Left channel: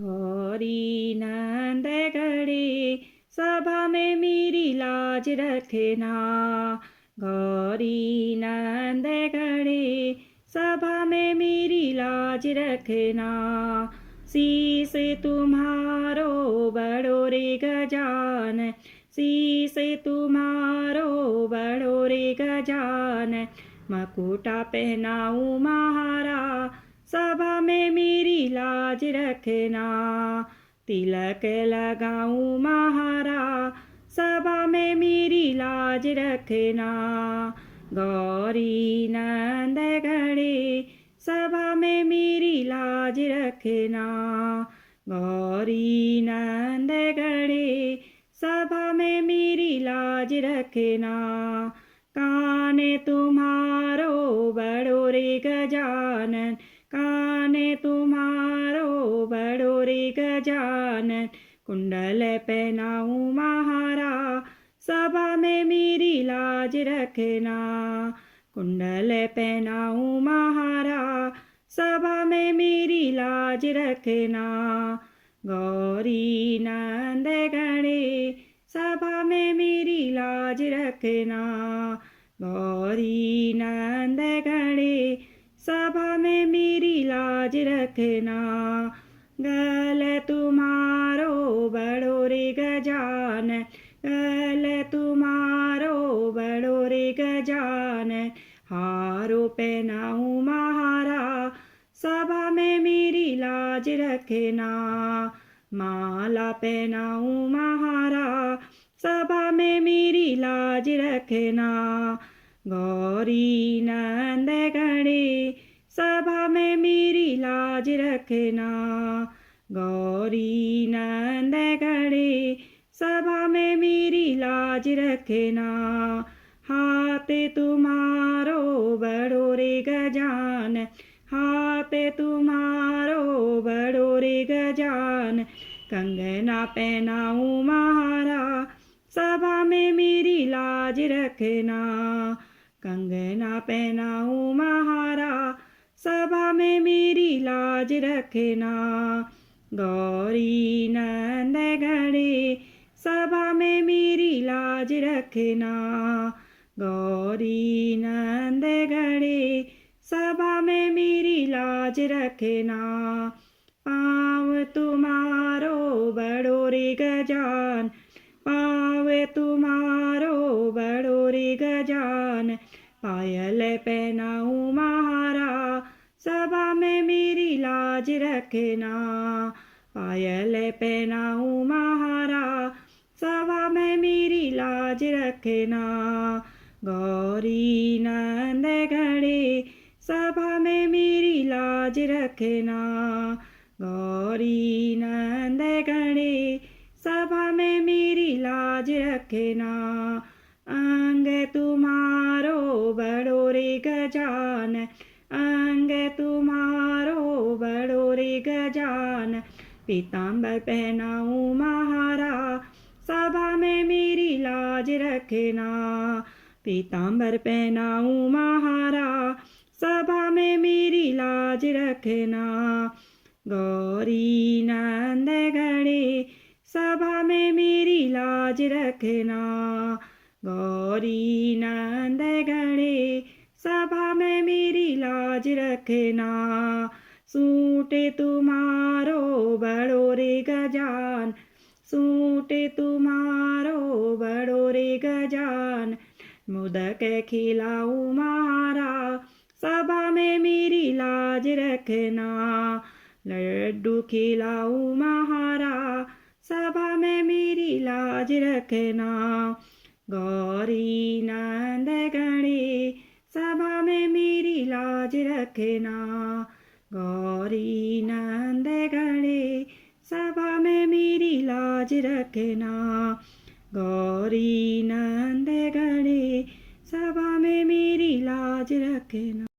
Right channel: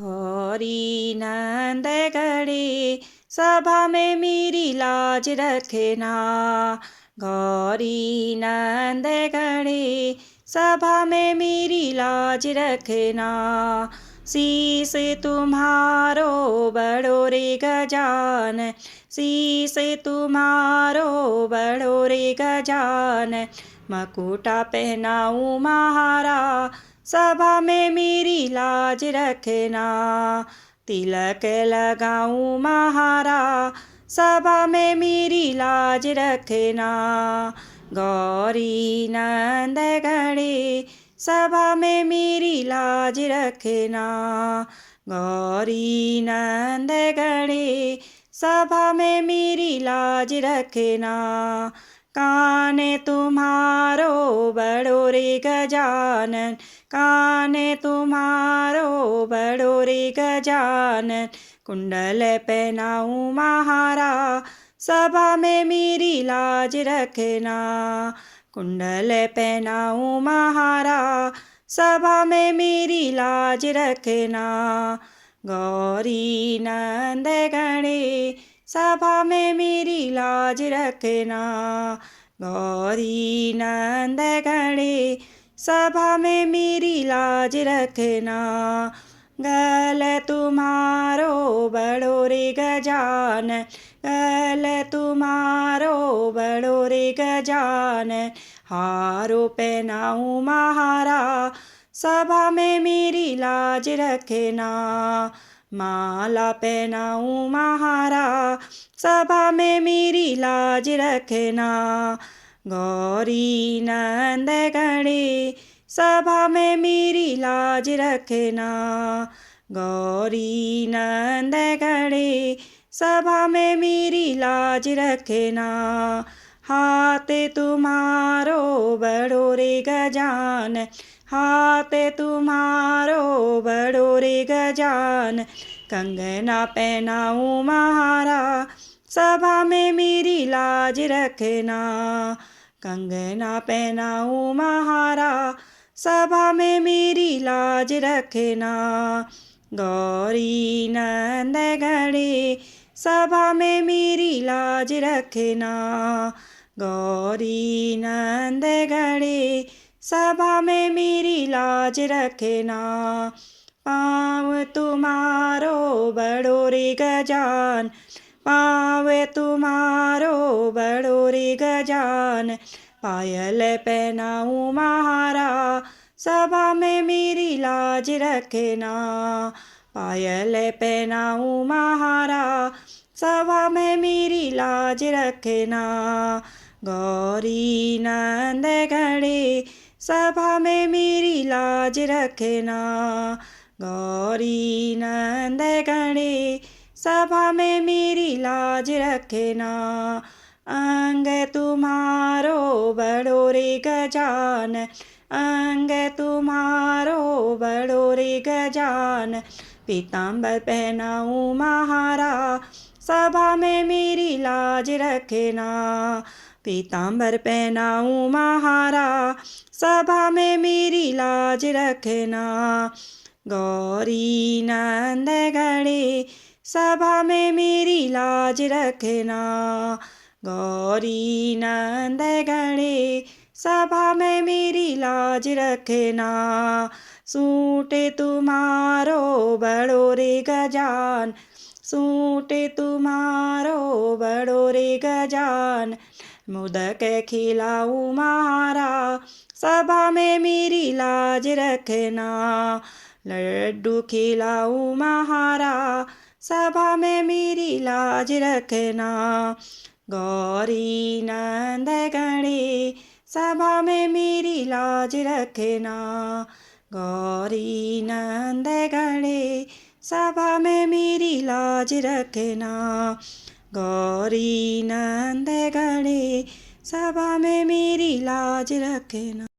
गौरी नंद गणे सभा में मेरी लाज रखना। गौरी नंद गणे सभा में मेरी लाज रखना। शीस तुम्हारो बड़ो रे गजानन, शीस तुम्हारो बड़ो रे गजानन। मकुटा पहनाऊँ महारा सभा में मेरी लाज रखना। तिलक लगाऊँ महारा सभा में मेरी लाज रखना। गौरी नंद गणे सभा में मेरी लाज रखना। गौरी नंद गणे सभा में मेरी लाज रखना। कान तुम्हारो बड़ो रे गजानन, कान तुम्हारो बड़ो रे गजानन। कुंडल पहनाऊँ महारा सभा में मेरी लाज रखना। कुंडल पहनाऊँ महारा सभा में मेरी लाज रखना। गौरी नंद गणे सभा में मेरी लाज रखना। गौरी नंद गणे सभा में मेरी लाज रखना। गल तुम्हारो बड़ो रे गजानन, गल तुम्हारो बड़ो रे गजानन। हारो पहनाऊँ महारा सभा में मेरी लाज रखना। माला पहनाऊँ महारा सभा में मेरी लाज रखना। गौरी नंद गणे सभा में मेरी लाज रखना। गौरी नंद गणे सभा में मेरी लाज रखना। हाथ तुम्हारो बड़ो रे गजानन, हाथ तुम्हारो बड़ो रे गजानन। कंगना पहनाऊँ महारा सभा में मेरी लाज रखना। कंगना पहनाऊँ महारा सभा में मेरी लाज रखना। गौरी नंद गणे सभा में मेरी लाज रखना। गौरी नंद गणे सभा में मेरी लाज रखना। पाँव तुम्हारो बड़ो रे गजानन, पाँव तुम्हारो बड़ो रे गजानन। पायल पहनाऊँ महारा सभा में मेरी लाज रखना। पायल पहनाऊँ महारा सभा में मेरी लाज रखना। गौरी नंद गणे सभा में मेरी लाज रखना। गौरी नंद गणे सभा में मेरी लाज रखना। अंग तुम्हारो बड़ो रे गजानन, अंग तुम्हारो बड़ो रे गजानन। पीताम्बर पहनाऊँ महारा सभा में मेरी लाज रखना। पीताम्बर पहनाऊँ महारा सभा में मेरी लाज रखना। गौरी नंद गणे सभा में मेरी लाज रखना। गौरी नंद गणे सभा में मेरी लाज रखना। सूट तुम्हारो बड़ो रे गजानन, सूट तुम्हारो बड़ो रे गजानन। मोदक खिलाऊँ महारा सभा में मेरी लाज रखना। लड्डू खिलाऊँ महारा सभा में मेरी लाज रखना। गौरी नंद गणे सभा में मेरी लाज रखना। गौरी नंद गणे सभा में मेरी लाज रखना। गौरी नंद गणे सभा में मेरी लाज रखना।